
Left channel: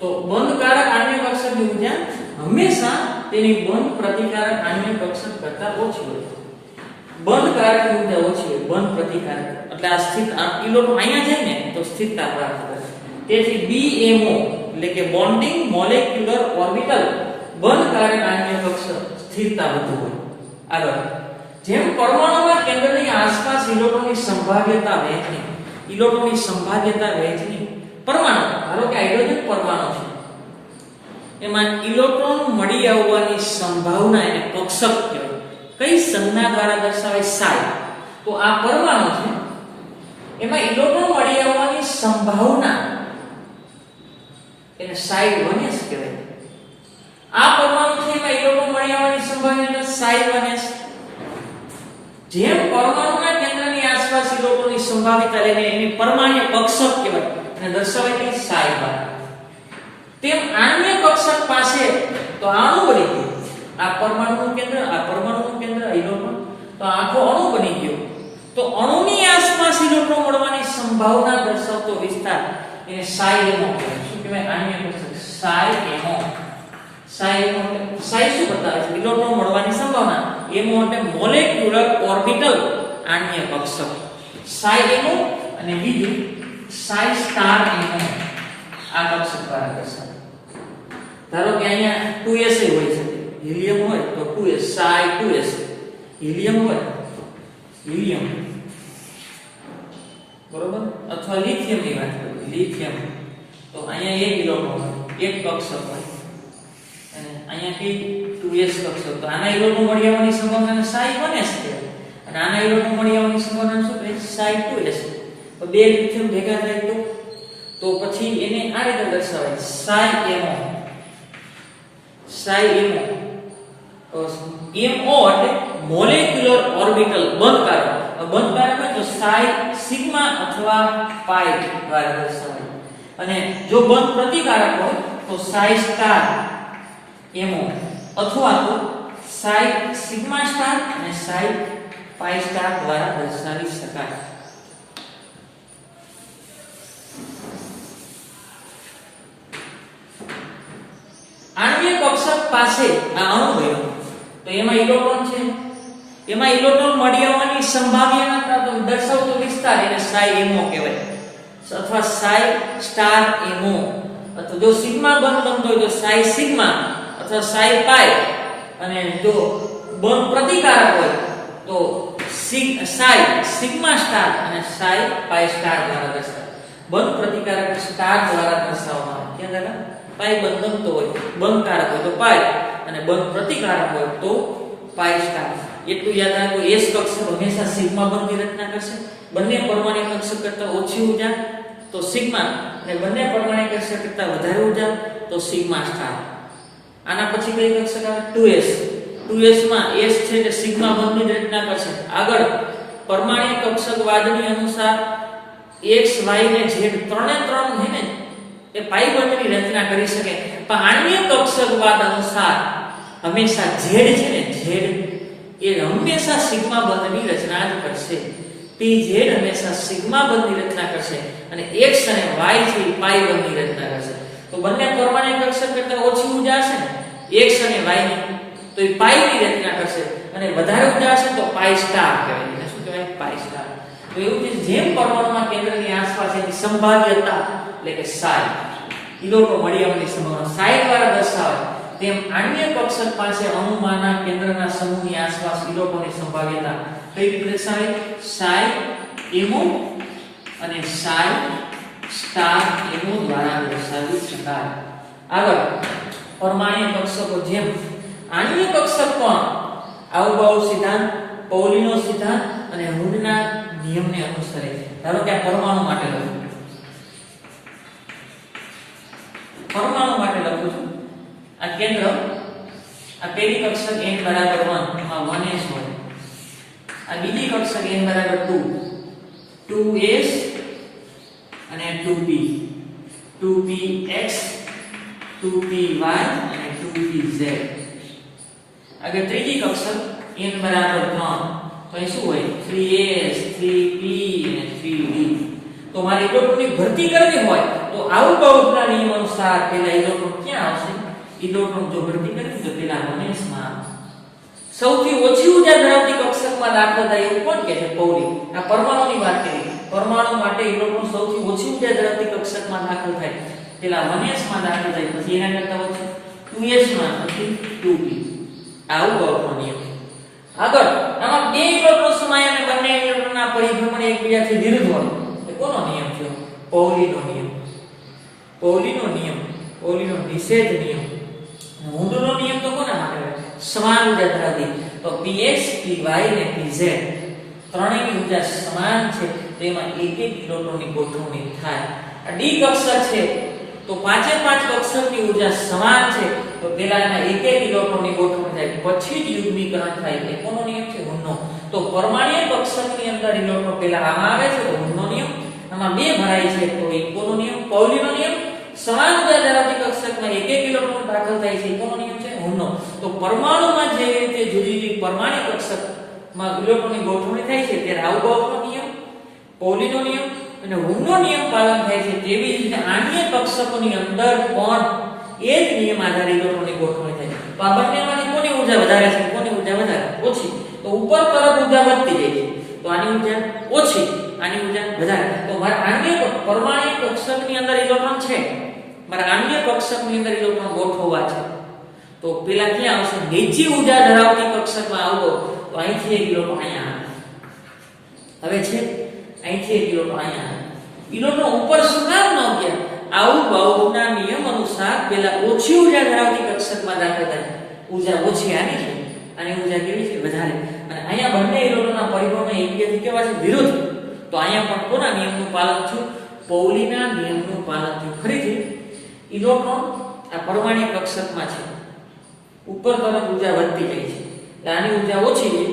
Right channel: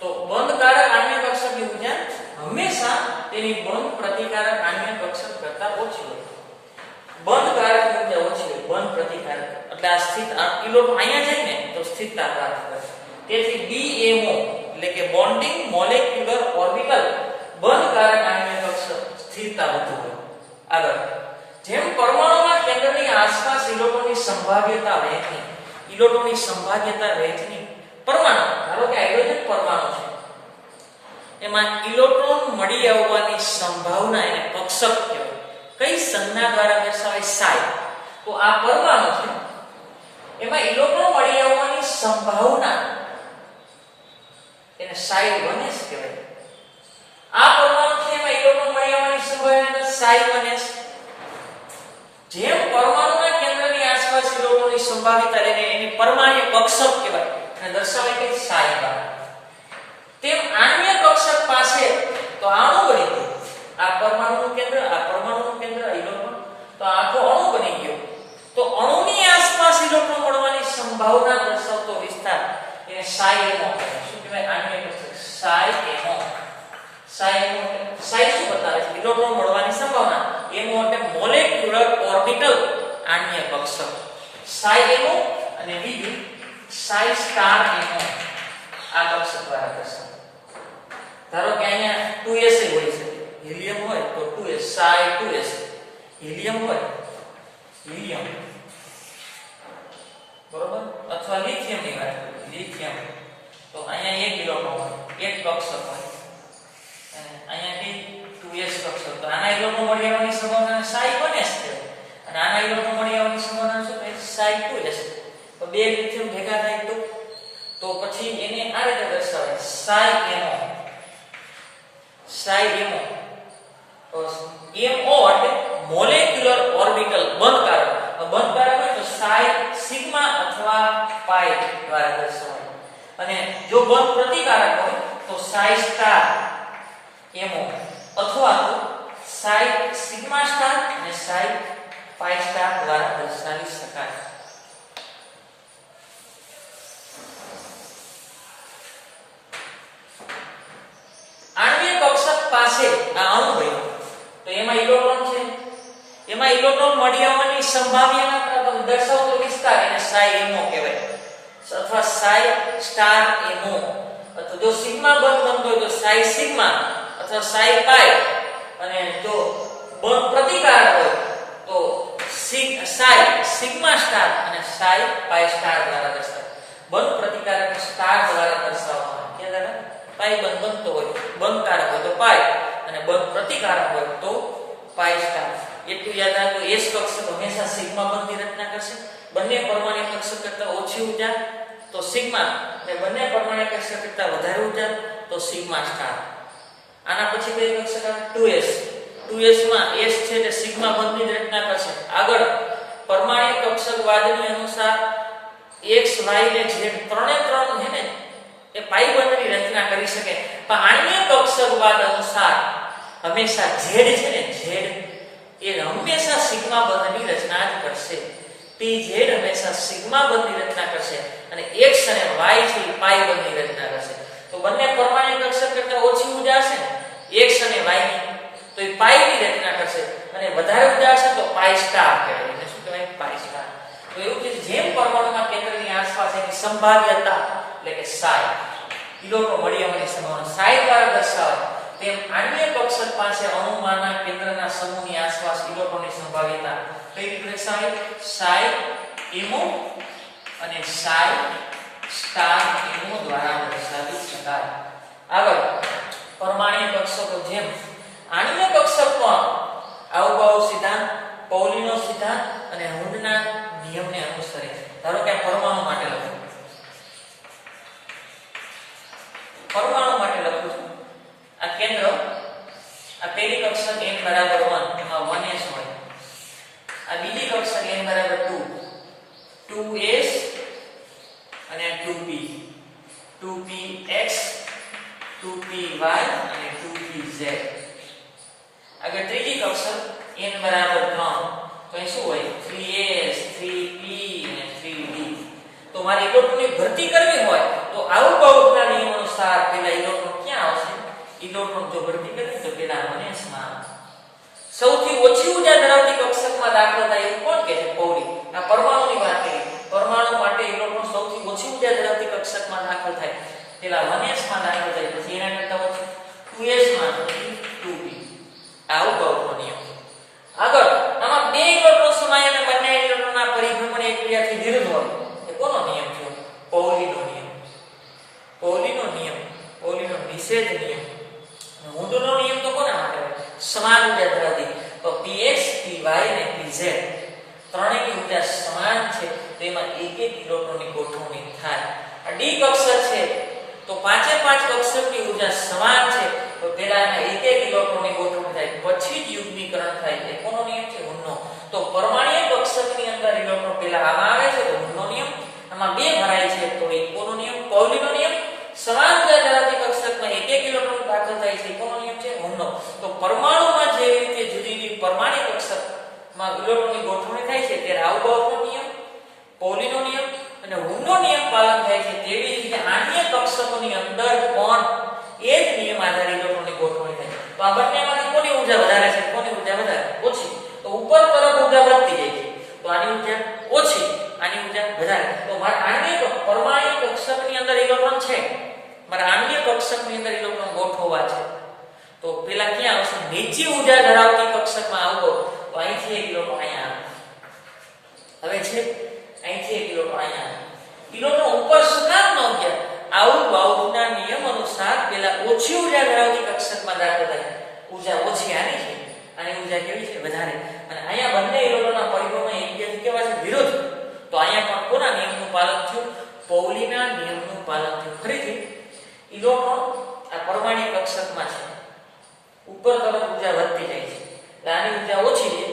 તો બંધકારક આણ્ય કક્ષકની ઊર્જા હંમેશા તેની બંધ પ્રતિકારક આણ્ય કક્ષક કરતા ઓછી હોય. બંધકારકની ઊર્જા ઓછી હોય, બંધ પ્રતિકારક. એટલે આ સ્થિત ઇલેક્ટ્રોન અહીંયા જાય ને તો સ્થિરતા પ્રાપ્ત કરે. તેથી BMO એટલે કે બોન્ડિંગ મોલેક્યુલર ઓર્બિટલ બંધકારક આણ્ય કક્ષક સ્થિરતા વધુ હોય. આગળ જેમ પરમાણુના કેન્દ્રની આસપાસ ઇલેક્ટ્રોનની સંભાવ્યતા વહેંચણી પરમાણુ ધારો કે હાઇડ્રોજન પરમાણુ છે એમાં ઇલેક્ટ્રોન મળી આવવાની સંભાવના એને કક્ષક કહેવાય. કઈ સંજ્ઞા દ્વારા દર્શાવાય? સાઈ. તો આ પરમાણુ છે એમાં ઇલેક્ટ્રોન મળી આવવાની સંભાવના એને સાઈ 1s કહેવાય. આ પરમાણુ છે એમાં ઇલેક્ટ્રોન મળી આવવાની સંભાવના સાઈ 1s. જેમ પરમાણુના કેન્દ્રની આસપાસ ઇલેક્ટ્રોનની સંભાવ્યતા એને એની પરમાણ્ય કક્ષક કહેવાય અને દર્શાવાય કે સાઈ દ્વારા. તેમ આણ્ય કક્ષક પાસે તો અણુ બની ગયો. આ પરમાણુનું કેન્દ્ર, આ પરમાણુનું કેન્દ્ર, ઇલેક્ટ્રોન, તો આખો અણુ બની ગયો. તો અણુની આસપાસ ઇલેક્ટ્રોન મળવાની સંભાવના દર્શાવતો વિસ્તાર એને સાઈ એમો કહેવાય. શું કહેવાય? આણ્ય કક્ષક સાઈ એમો. સાઈ એમો એટલે સાઈ શું બતાવે છે? ઇલેક્ટ્રોન મળવાની સંભાવના. એમો એટલે મોલેક્યુલર ઓર્બિટલ આણ્ય કક્ષક. સાઈ એમો અને બીજું સાઈ સ્ટાર એમો આ કક્ષક દ્વારા દર્શાવે. ધારો કે અહીંયા 2s હોય છે, હિલિયમ હોય તો 2s, સાઈ 2s. હિલિયમ હોય, હિલિયમ, બરોબર, અથવા લિથિયમ ની વાત કરીએ, લિથિયમ, તો અહીંયા એક ઇલેક્ટ્રોન હોય, એક કક્ષક હોય, અને અહીંયાથી 2s કક્ષક. તો આના ઇલેક્ટ્રોન મળી આવવાની સંભાવના સાઈ 1s છે અને આના ઇલેક્ટ્રોન મળી આવવાની સંભાવના શું છે? સાઈ 2s. તો બે લિથિયમ ભેગા થાય તો પછી એને આ રીતે દર્શાવાય psi MO. Psi MO. MO એટલે મોલેક્યુલર ઓર્બિટલ બંધકારક. બંધકારક હોય તો સાઈ સિગ્મા અથવા પાઈ દ્વારા દર્શાવાય. અને જો બંધ પ્રતિકારક હોય તો સાઈ સ્ટાર એમઓ અથવા તો સાઈ સિગ્મા સ્ટાર અને સાઈ પાઈ સ્ટાર દ્વારા દર્શાવી શકાય. આણ્ય કક્ષક પાસે આ અણુ બન્યો તો એમાં ઇલેક્ટ્રોન છે, એમાં ઇલેક્ટ્રોન મળી આવવાની સંભાવના દર્શાવતો વિસ્તાર એને સાઈ એમો કહેવાય અથવા સાઈ સ્ટાર એમો. અથવા જો સિગ્મા બંધ બનતો હોય તો સાઈ સિગ્મા અથવા સાઈ પાઈ, અને જો બંધ પ્રતિકારક હોય તો સાઈ સિગ્મા સ્ટાર અને સાઈ પાઈ સ્ટાર દ્વારા દર્શાવાય. બંધ પ્રતિકારક સ્ટાર દ્વારા દર્શાવવામાં આવે. કે દાદા પાઈ બંધ બનતો હોય, બંધકારક હોય તો પાઈ અને બંધ પ્રતિકારક હોય તો પાઈ સ્ટાર. એટલું યાદ રાખો, એસ કક્ષક હંમેશા સિગ્મા બંધની રચના કરશે. બંને પરમાણ્ય કક્ષક કરતા ઓછી ઊર્જા તો સિગ્મા, અને બંને પરમાણ્ય કક્ષક કરતા વધારે ઊર્જા તો સિગ્મા સ્ટાર. આના પછી કઈ કક્ષક આવે? 2s. 2s માં s છે એટલે સિગ્મા બંધની રચના કરશે. આગળ પરમાણ્ય કક્ષકવાદની અનુસાર x y ને z ત્રણે ત્રણ છે ને એ પાઈ બંધની રચના કરી શકે. પણ આણ્ય કક્ષકવાદ અનુસાર હંમેશા z છે ને, z એ હંમેશા સિગ્મા બંધની રચના જ કરશે. pz હંમેશા સિગ્મા બંધની રચના કરશે અને x અને y છે પાઈ બંધની રચના કરશે. તો બંને પરમાણ્ય કક્ષક કરતા ઓછી ઊર્જા હશે ને x અને y ની, તો એ પાઈ ની રચના કરશે, અને વધારે ઊર્જા હશે તો પાઈ સ્ટાર કહેવાય. એને શું કહેવાય? પાઈ સ્ટાર. તો એવું છે જેમ પરમાણુમાં કેન્દ્રની આસપાસ એની સંભાવ્યતા એટલે કે સાઈ ઇલેક્ટ્રોન મળી આવવાની સંભાવના સાઈ દ્વારા દર્શાવાય, તેમ આણ્ય કક્ષક પાસે અણુમાંના કેન્દ્રના સમૂહની આસપાસ ઇલેક્ટ્રોનની સંભાવ્યતા કઈ રીતે દર્શાવાય? સાઈ એમો અને સાઈ સ્ટાર એમો દ્વારા દર્શાવી શકાય. આગળ પરમાણ્ય કક્ષકો જેમ આણ્ય કક્ષક પણ આવું સિદ્ધાંત, પૌલીનો સિદ્ધાંત અને હુડના નિયમને અનુસરે. ધારો કે આ પરમાણુ માટે લખું, પરમાણુ માટે લખું છું. આ કેન્દ્ર, આ પહેલી કક્ષક n બરાબર 1 એમાં 1s હોય. આ બીજી કક્ષક n બરાબર 2, 2s અને 2p, 2px, 2py અને 2pz. આગળ ત્રીજી કક્ષક n બરાબર 3, તો અહીં શું હોય? 3s, 3p અને 3d. તો મારે ઇલેક્ટ્રોનની ભરતી કરવી હોય તો આવું બહુના નિયમ અનુસાર પેલા ઇલેક્ટ્રોન ક્યાં આવશે? ઇલેક્ટ્રોન જો ભરતી કરવી તો પેલા 1s માં. સૌથી ઓછી ઊર્જા ધરાવતી કક્ષકમાં દાખલ થાય એવું કોણ કહે છે? પૌલી. આ પરમાણુની વાત કરી. પરમાણુ માટે ઇલેક્ટ્રોન સૌથી ઓછી ઊર્જા ધરાવતી કક્ષકમાં દાખલ થાય પેલા 1s માં દાખલ થાય, પછી એના કરતા ઓછી 2s માં, પછી 2p. આવું બહુનો નિયમ. આગળ આમાં બે ઇલેક્ટ્રોન સમાય અને બંને ઇલેક્ટ્રોનના પરિભ્રમણ એકબીજાથી વિરુદ્ધ હોય. એ કોનો નિયમ છે? પૌલીનો નિયમ. પૌલીનો નિયમ, પૌલીનો નિષેધ નિયમ. ઊંડનો નિયમ તો કોના માટે હોય? સમાન ઊર્જા ધરાવતી. તો px py ને pz ત્રણેયની ઊર્જા સમાન છે, તો એમાં એક એક ઇલેક્ટ્રોનની ગોઠવણી થાય. આ ડી કક્ષક છે તો પાંચે પાંચ કક્ષકની ઊર્જા સમાન છે, તો પહેલા એના એક એક ઇલેક્ટ્રોનની ગોઠવણી થાય, પછી જ યુગ્મીકરણ થાય છે. કોનો નિયમ છે? ઊંડનો. તો પરમાણ્વીય કક્ષકની અંદર ઇલેક્ટ્રોન પહેલા આમાં આવે છે, તો ઊંડનો નિયમ. આમાં બે ભરાય છે, તો એ કોનો નિયમ? પૌલીનો નિયમ. સમાન ઊર્જા ધરાવતી કક્ષકમાં એક એક ઇલેક્ટ્રોન દાખલ થાય છે, કોનો નિયમ છે? ઊંડનો. તો પરમાણુમાં જેવી રીતે જુદી જુદી પરમાણ્વીય કક્ષકમાં ઇલેક્ટ્રોનની ગોઠવણી થાય છે, ત્યારે આઉટબાઉન્ડનો નિયમ, પૌલીનો નિયમ અને ઊંડનો નિયમ પાલન થાય છે, તેવી જ રીતે આણ્વીય કક્ષકોની અંદર પણ એ જ નિયમ આધારિત ઇલેક્ટ્રોનની ગોઠવણી થાય છે. તો આ બંનેમાંથી કોની ઊર્જા વધારે છે, કોની ઊર્જા વધારે? ઓછી. તો ઉપર તરફ ઊર્જા વધતી જાય છે, તો આની ઊર્જા ઓછી, આની ઊર્જા વધારે. તો મારા આણ્વીય પરમાણ્વીય કક્ષકની અંદર ઇલેક્ટ્રોન છે, મારા આણ્વીય કક્ષકની અંદર ઇલેક્ટ્રોન ગોઠવવા છે, તો પેલા ક્યાં આવશે? નીચી ઊર્જા ધરાવતી કક્ષકમાં આવતો, તો અહીંથી એક ઇલેક્ટ્રોન અહીંયા આવે. હવે છે અહીંથી એક ઇલેક્ટ્રોન અહીંયા આવે. ઇલેક્ટ્રોન ઉપર શું કામ ન ગયા? આઉટબાઉન્ડના નિયમ અનુસાર પેલા ઓછી ઊર્જા ધરાવતી કક્ષકમાં દાખલ થાય. ઊર્જા ઓછી આની છે, આની ઊર્જા કેવી છે? વધારે. અને અહીંયા બંને ઇલેક્ટ્રોનના પરિભ્રમણ એકબીજાથી કેવા છે? વિરુદ્ધ. તો અહીંયા પણ કોના નિયમનું પાલન થયું? પૌલીના નિયમનું પાલન થયું. ફરીથી ઇલેક્ટ્રોન આ પરમાણ્વીય કક્ષકમાં છે, ઉપર તરફ ઊર્જા વધતી જાય છે, એટલે આની ઊર્જા ઓછી છે,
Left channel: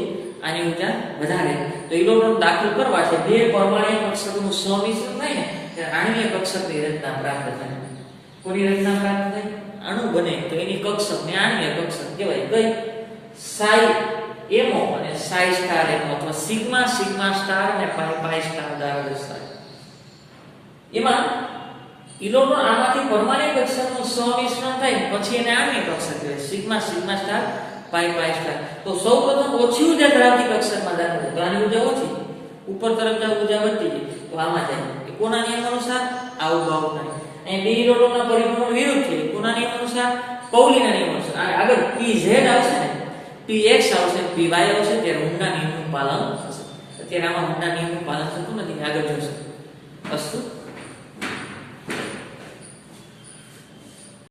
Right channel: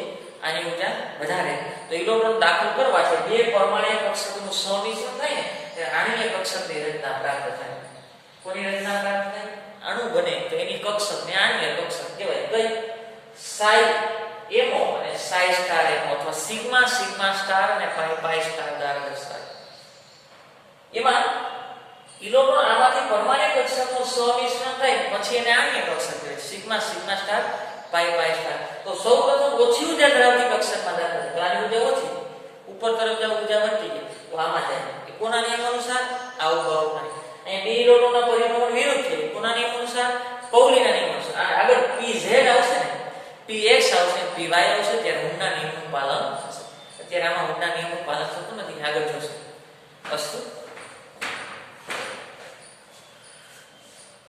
આની ઊર્જા વધારે. તો ઇલેક્ટ્રોન દાખલ કરવા છે, બે પરમાણ્વીય કક્ષકોનું સંમિશ્રણ થાય ને, ત્યારે આણ્વીય કક્ષકની રચના પ્રાપ્ત થાય. કોની રચના પ્રાપ્ત થાય? અણુ બને તો એની કક્ષકને આણ્વીય કક્ષક કહેવાય. કઈ? સાઈ એમઓ અને સાઈ સ્ટાર એમઓ, અથવા સિગ્મા સિગ્મા સ્ટાર અને પાઈ પાઈ સ્ટાર દ્વારા દર્શાવાય. એમાં ઇલેક્ટ્રોન આમાંથી પરમાણ્વીય કક્ષકનું સંમિશ્રણ થાય, પછી એને આણ્વીય કક્ષક કહેવાય. સિગ્મા સિગ્મા સ્ટાર પાઈ પાઈ સ્ટાર. તો સૌપ્રથમ ઓછી ઊર્જા ધરાવતી કક્ષકમાં દાખલ થાય, તો આની ઊર્જા ઓછી, ઉપર તરફ જાવ ઊર્જા વધતી જાય, તો આમાં જાય. એ કોના નિયમ અનુસાર? આઉટબાઉન્ડના. અહીં બે ઇલેક્ટ્રોનના પરિભ્રમણ વિરુદ્ધ છે, કોના નિયમ અનુસાર? પૌલીના નિયમ અનુસાર. અને આગળ pz આવશે ને, px આવશે, py આવશે, ત્યારે ઊંડા નિયમનું પાલન થશે. અત્યારે આમાં ઊંડા નિયમનું પાલન થતું નથી, આગળ જોશે. અસ્તુ.